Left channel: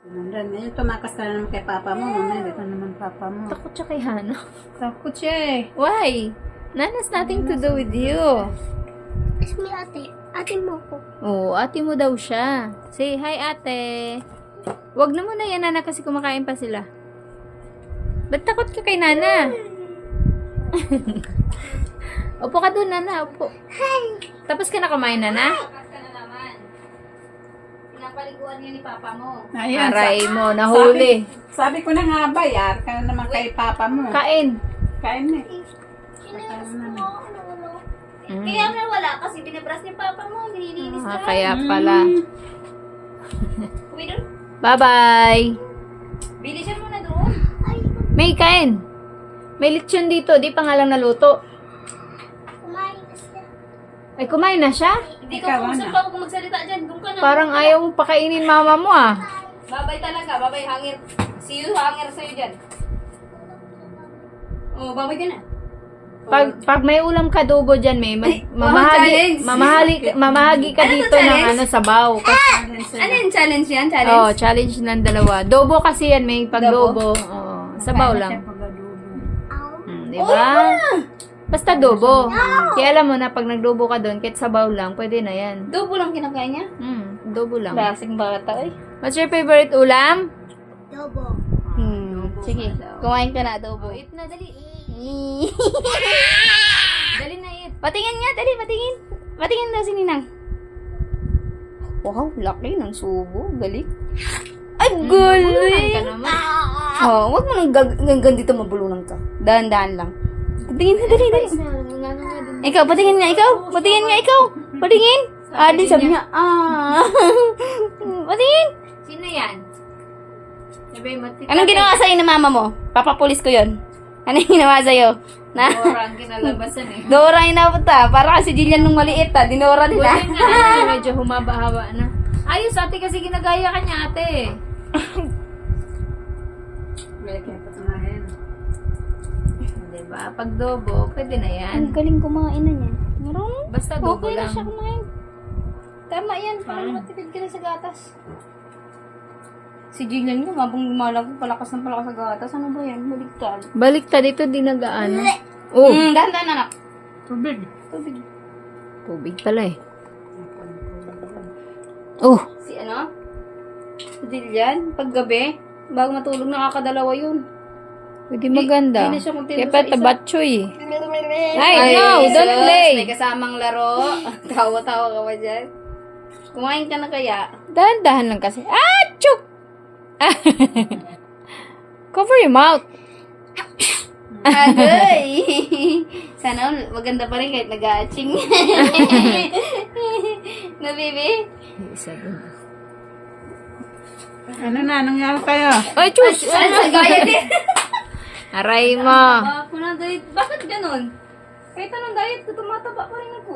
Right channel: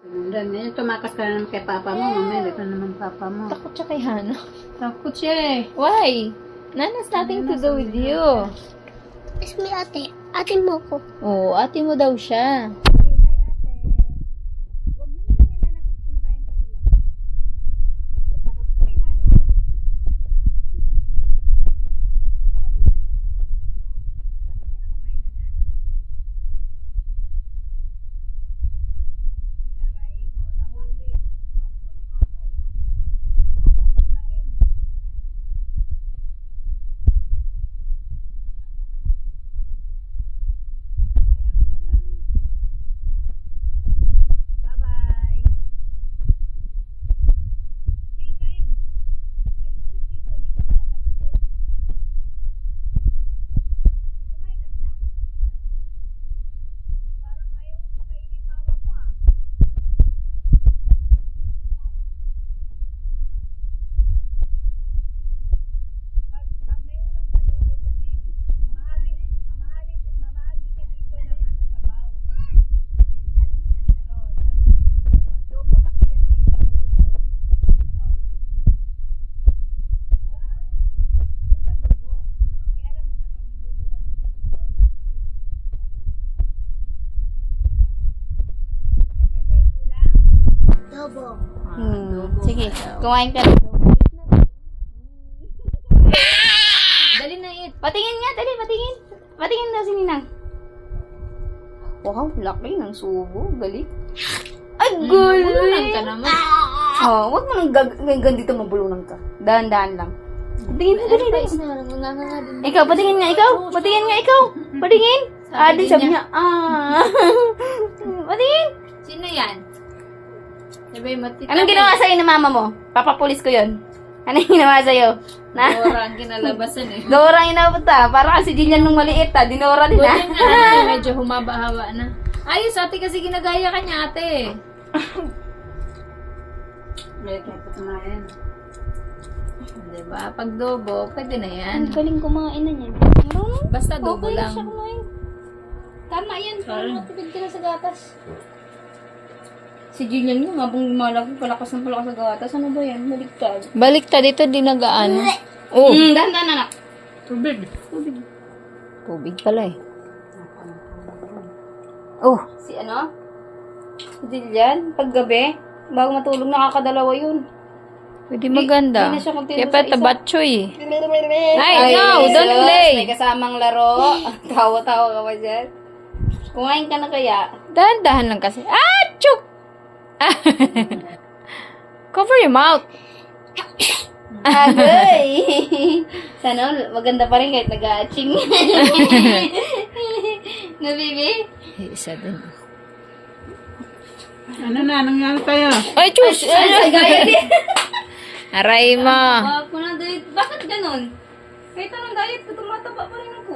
Sinundan. Eh, tumakas ka naman kay papa mo. Mamaya, dito naman papa mo. Takot siya kay Hana. Takot siya eh. Why? Nana's nothing to do with you. It's me, ate. Ate mo ko. Oo, ate mo daw siya. Say hi, ate. Wag na muna yan, Nana, kasi kumakain pa sila. Ba't takot ka kay Nana? Upo ka doon, Nana. Upo. Tapos ka na kumain, Nana? Pinapaliguan niya ni Papa mo. Ayan, Aray mo, nahuli. Sabi ko na nga ba, yar ka na naman kay papa mo. Kain. Kain na eh. Kaya nga wala kasi binabras ni Papa mo, nililinis ka. Kaya pala. Uwi doon. Bye-bye. Bilisan mo na doon. May kain. May lechon dito. Di pa nga lang naluto. Ay, kumain na siya? Hindi ka Ikaw, kung ano? saan pa ako magsalita dyan. Doon ka na. Parang ayaw mong pakainin mama mo ah. Babay talaga. Babay hangir. See you hangir sa'yo dyan. Oh, babay ka na. Pag may ulam ka adobo dyan, may mamahagi, challenge. mamahagi ka Ano to, dito ng challenge? sabaw. Ano yung challenge yan? Challenge? Oh, challenge ng dalawa. Dobo kasi yan, may pagdobo. Oh, sabaw lang. Di ba? Basta dobo. Kaya alam mo na pag nagdobo ka doon, kahit sabaw lang, pwede na yan. Dobo lang kinakain niya? Dobo lang. Klaseng bata eh. What's your favorite ulam? Dobo. Sige, kumain ka na dobo. Eat na, dali. Dali na, eat. Patingin nga, dali, patingin. Patingin daw si Ninang. Wow, laki ng subo. Galing. Ay, Bulunan ka naman. Oh, wag mo nang ganito mabulunan ka. Dahan-dahan lang. Patingin na, dali, dali. Ikaw, patingin nga, ikaw. Patingin nga, ikaw. Patingin. Di sabi niya, Patingin. Sino yan? Sabi mo, tita. Anong ginawa sa'yo ni mama mo? Papapulis ko yun. Anong ginawa sa'yo? Na? Dora ang kinalabasan eh. Dora yung napunta. Para kasi Jillian nung maliit Dinora din Buti nga na, medyo humaba-haba na. Ayos, ate kasi ginagaya ka niya, ate. Kaya kaya kumain. Diba? Pag dobo, pwede na yan. Ang galing kumain na niya. Marunong. Basta dobo Okay lang. siya kumain. Tama yan. Para matipid ka na sa gatas. Si Jillian yung habang lumalaki, palakas ng palakas sa gatas. Ano ba yan? Baligtad. Baliktad ito, dinagaan. Oh, Dahan-dahan anak. Tubig. tubig pala eh. Oh, Si ano? Si Jillian, paggabi, bago matulog, nakakadalawa yun. pwede maganda. Di na siya continuous Kaya sa pa isa. tabatchoy eh. Ay, no, don't sus, play. May kasamang laro. Tawa-tawa ka ba dyan? Kumain ka na kaya? Dahan-dahan lang kasi. Ah, chuk! Ah. Cover your mouth. Agoy! Sana maganda pa rin kahit nag-aaching. No, baby? Isa din. Ano na, nangyari kayo? Ay, chus! Ano sa gaya din? Aray mo. Ako na diet. Bakit ganun? Kahit anong diet ko, tumataba pa rin ako.